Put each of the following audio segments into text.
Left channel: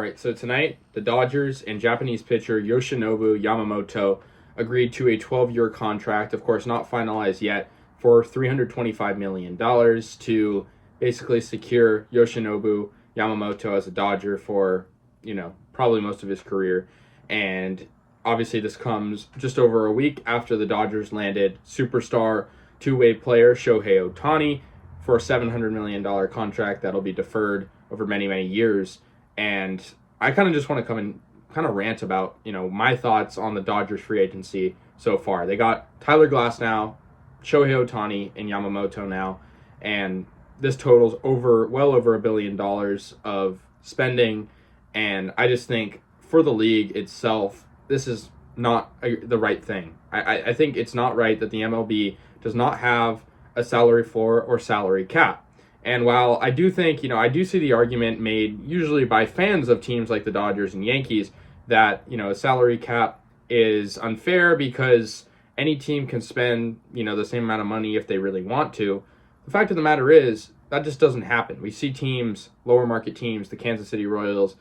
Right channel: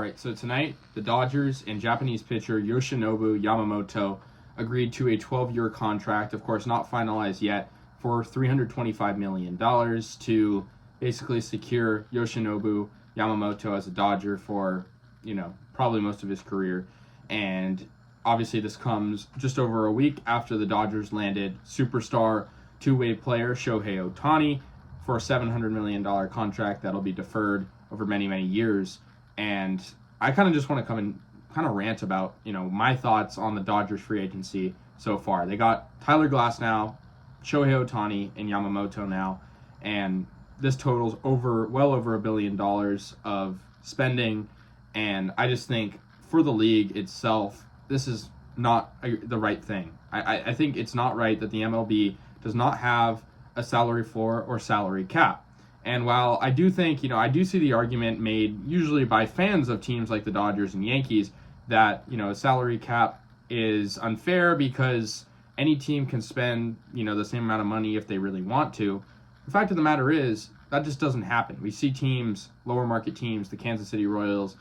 All right, so tonight, the Dodgers and Japanese pitcher Yoshinobu Yamamoto agreed to a 12-year contract, of course not finalized yet, for $325 million to basically secure Yoshinobu Yamamoto as a Dodger for, probably most of his career. And obviously this comes just over a week after the Dodgers landed superstar two-way player Shohei Ohtani for a $700 million contract that'll be deferred over many, many years. And I kind of just want to come and kind of rant about, my thoughts on the Dodgers free agency so far. They got Tyler Glasnow, Shohei Ohtani, and Yamamoto now, and this totals well over $1 billion of spending. And I just think for the league itself, this is not the right thing. I think it's not right that the MLB does not have a salary floor or salary cap. And while I do think, I do see the argument made usually by fans of teams like the Dodgers and Yankees that, a salary cap is unfair because any team can spend, the same amount of money if they really want to. The fact of the matter is that just doesn't happen. We see teams, lower market teams, the Kansas City Royals,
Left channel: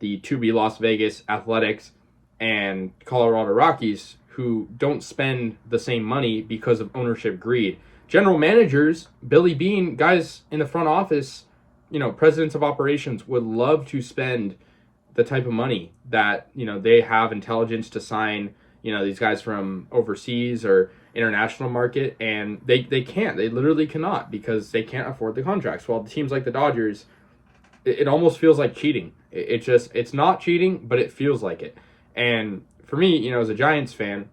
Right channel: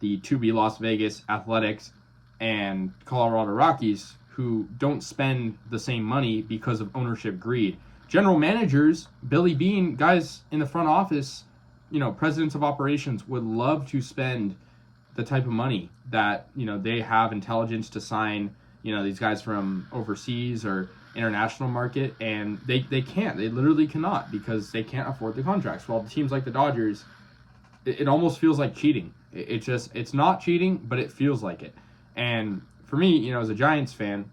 the to-be Las Vegas Athletics, and Colorado Rockies who don't spend the same money because of ownership greed. General managers, Billy Beane, guys in the front office, presidents of operations would love to spend the type of money that, they have intelligence to sign, these guys from overseas or international market, and they can't. They literally cannot because they can't afford the contracts. While teams like the Dodgers, it almost feels like cheating. It's not cheating, but it feels like it. And for me, as a Giants fan,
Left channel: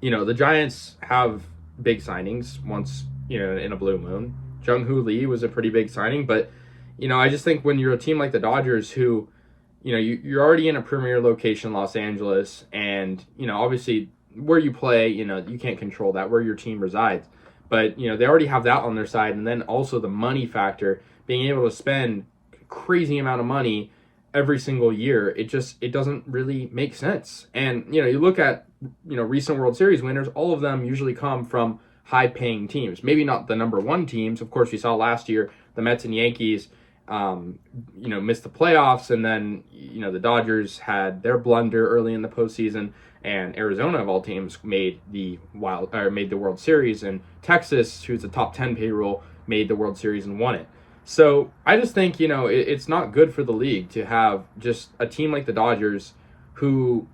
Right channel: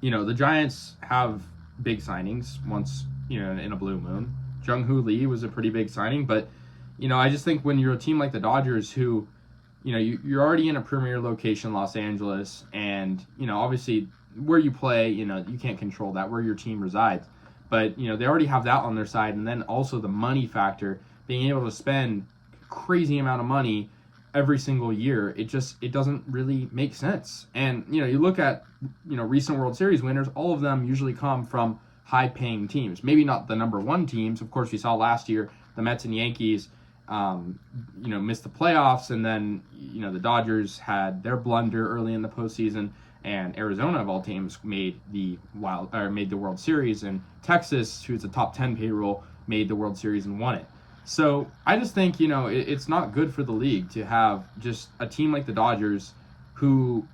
the Giants have big signings once, in a blue moon. Jung-Hoo Lee was a pretty big signing, but, I just think when you're a team like the Dodgers who, you're already in a premier location, Los Angeles, and, obviously where you play, you can't control that, where your team resides. But, they already have that on their side, and then also the money factor, being able to spend a crazy amount of money every single year, it doesn't really make sense. And, you look at, recent World Series winners, all of them usually come from high-paying teams. Maybe not the number one teams. Of course, we saw last year the Mets and Yankees, missed the playoffs, and then, the Dodgers had their blunder early in the postseason, and Arizona, of all teams, made the World Series, and Texas, who's a top 10 payroll, made the World Series and won it. So I just think, it's not good for the league to have just a team like the Dodgers who,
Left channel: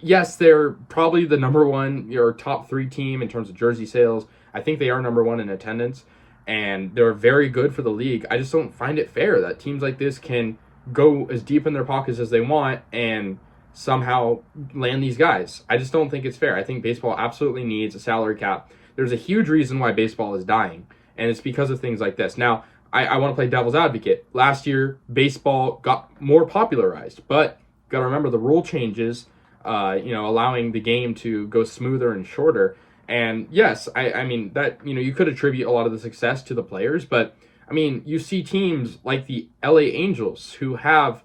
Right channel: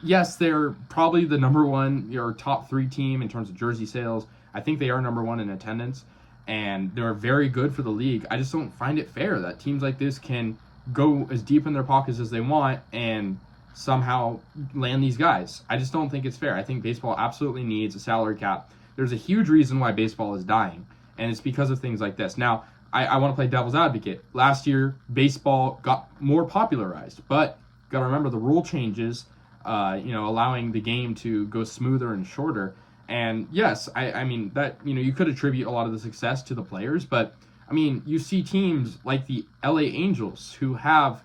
yes, they're probably the number one or top 3 team in terms of jersey sales. I think they are number 1 in attendance, and they're very good for the league. I just don't find it fair that teams like this can go as deep in their pockets as they want and somehow land these guys. I just don't think it's fair. I think baseball absolutely needs a salary cap. There's a huge reason why baseball is dying, and it's because of things like this. Now, I want to play devil's advocate. Last year, baseball got more popularized, but got to remember the rule changes, allowing the game to go smoother and shorter. And yes, I mean, that, you could attribute a lot of the success to the players, but I mean, you see teams like the LA Angels who have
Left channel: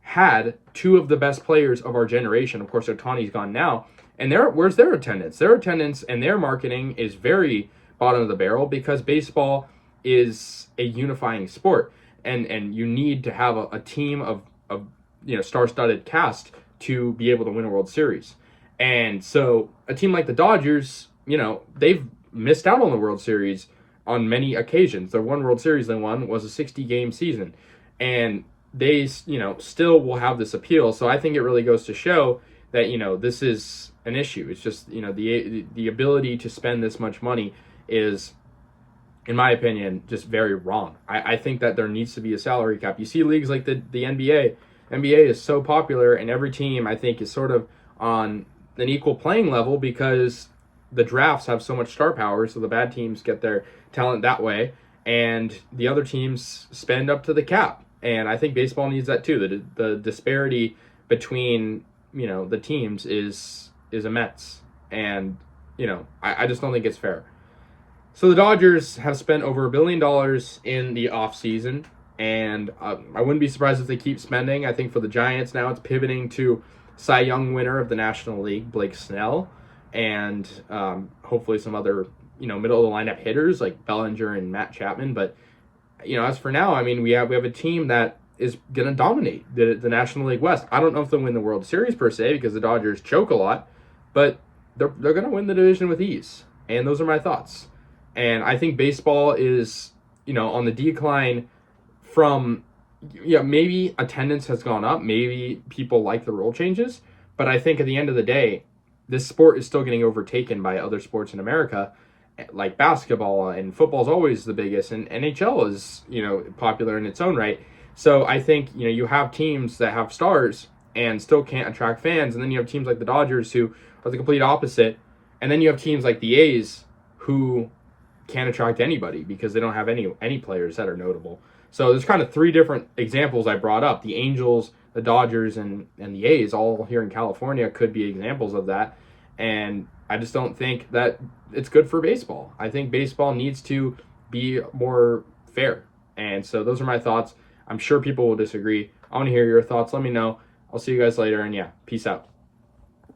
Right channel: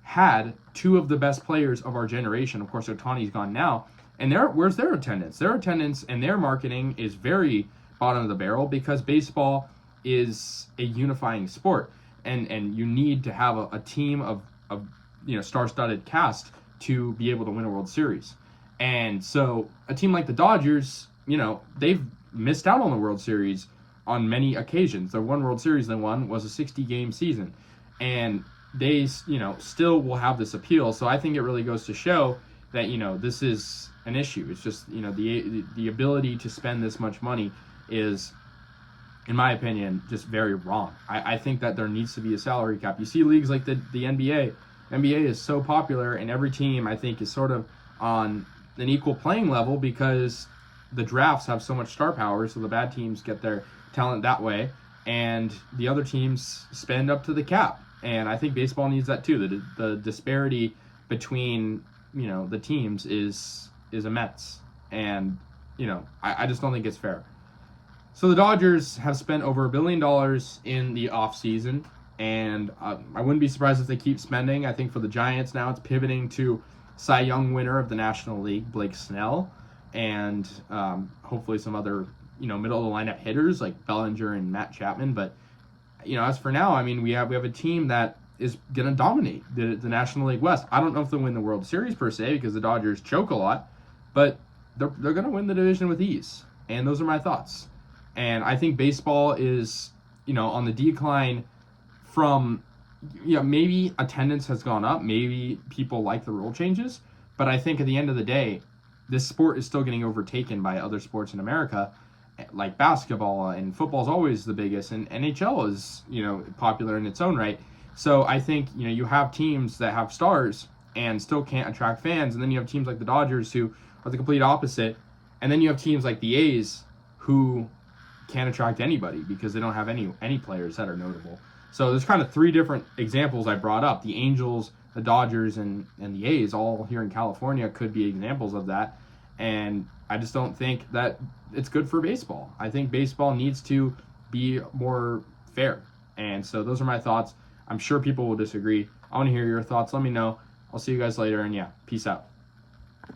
had 2 of the best players of our generation. Of course, Ohtani's gone now. And where's their attendance? Their attendance and their marketing is very bottom of the barrel because baseball is a unifying sport, and you need to have a team of star-studded cast to be able to win a World Series. And so a team like the Dodgers, they've missed out on the World Series on many occasions. The one World Series they won was a 60-game season, and they still will have this appeal. So I think it really goes to show that this is an issue. It's just the ability to spend this much money is, in my opinion, just very wrong. I think that there needs to be a salary cap. You see leagues like the NBA. NBA is so popular, and every team, I think, is sort of on an equal playing level because the drafts have so much star power, so the bad teams get their talent that way, and the other teams spend up to the cap. And I think baseball needs that too. The disparity between, the teams is immense. And, I just don't think it's fair. So the Dodgers have spent over $1 billion in the offseason, and I wouldn't be surprised if they keep spending. I think for the Giants now, it's pivoting to Cy Young winner of the National League, Blake Snell, and hopefully some other, middle of the lineup hitters like Bellinger and Matt Chapman. But, as for now, I mean, we have a team that is going to dominate the National League West. I don't know if they'll win the World Series per se because the Dodgers choke a lot, but they're going to win the division with ease. And those are my thoughts. And I think baseball is, on the decline from, maybe attendance has gone up. Maybe people like the rule changes. But I think at the end of the day, this sport is still getting overtaken by other sports in America, like basketball, and football is always the biggest, and NHL is, popular in its own right. So I think, you have teams that have stars and still can't attract fans, and then you have teams like the Dodgers who are the complete opposite, and then you have teams like the A's who can't attract anybody because they don't have any players that are notable. So there's kind of three different examples I brought up. The Angels, the Dodgers, and the A's, all here in California, could be examples of that. And I just don't think that it's good for baseball. I think baseball needs to be more fair. And so those are my thoughts. I'm sure people will disagree. I want to hear your thoughts. Let me know. I'll see you guys later. And yeah, peace out.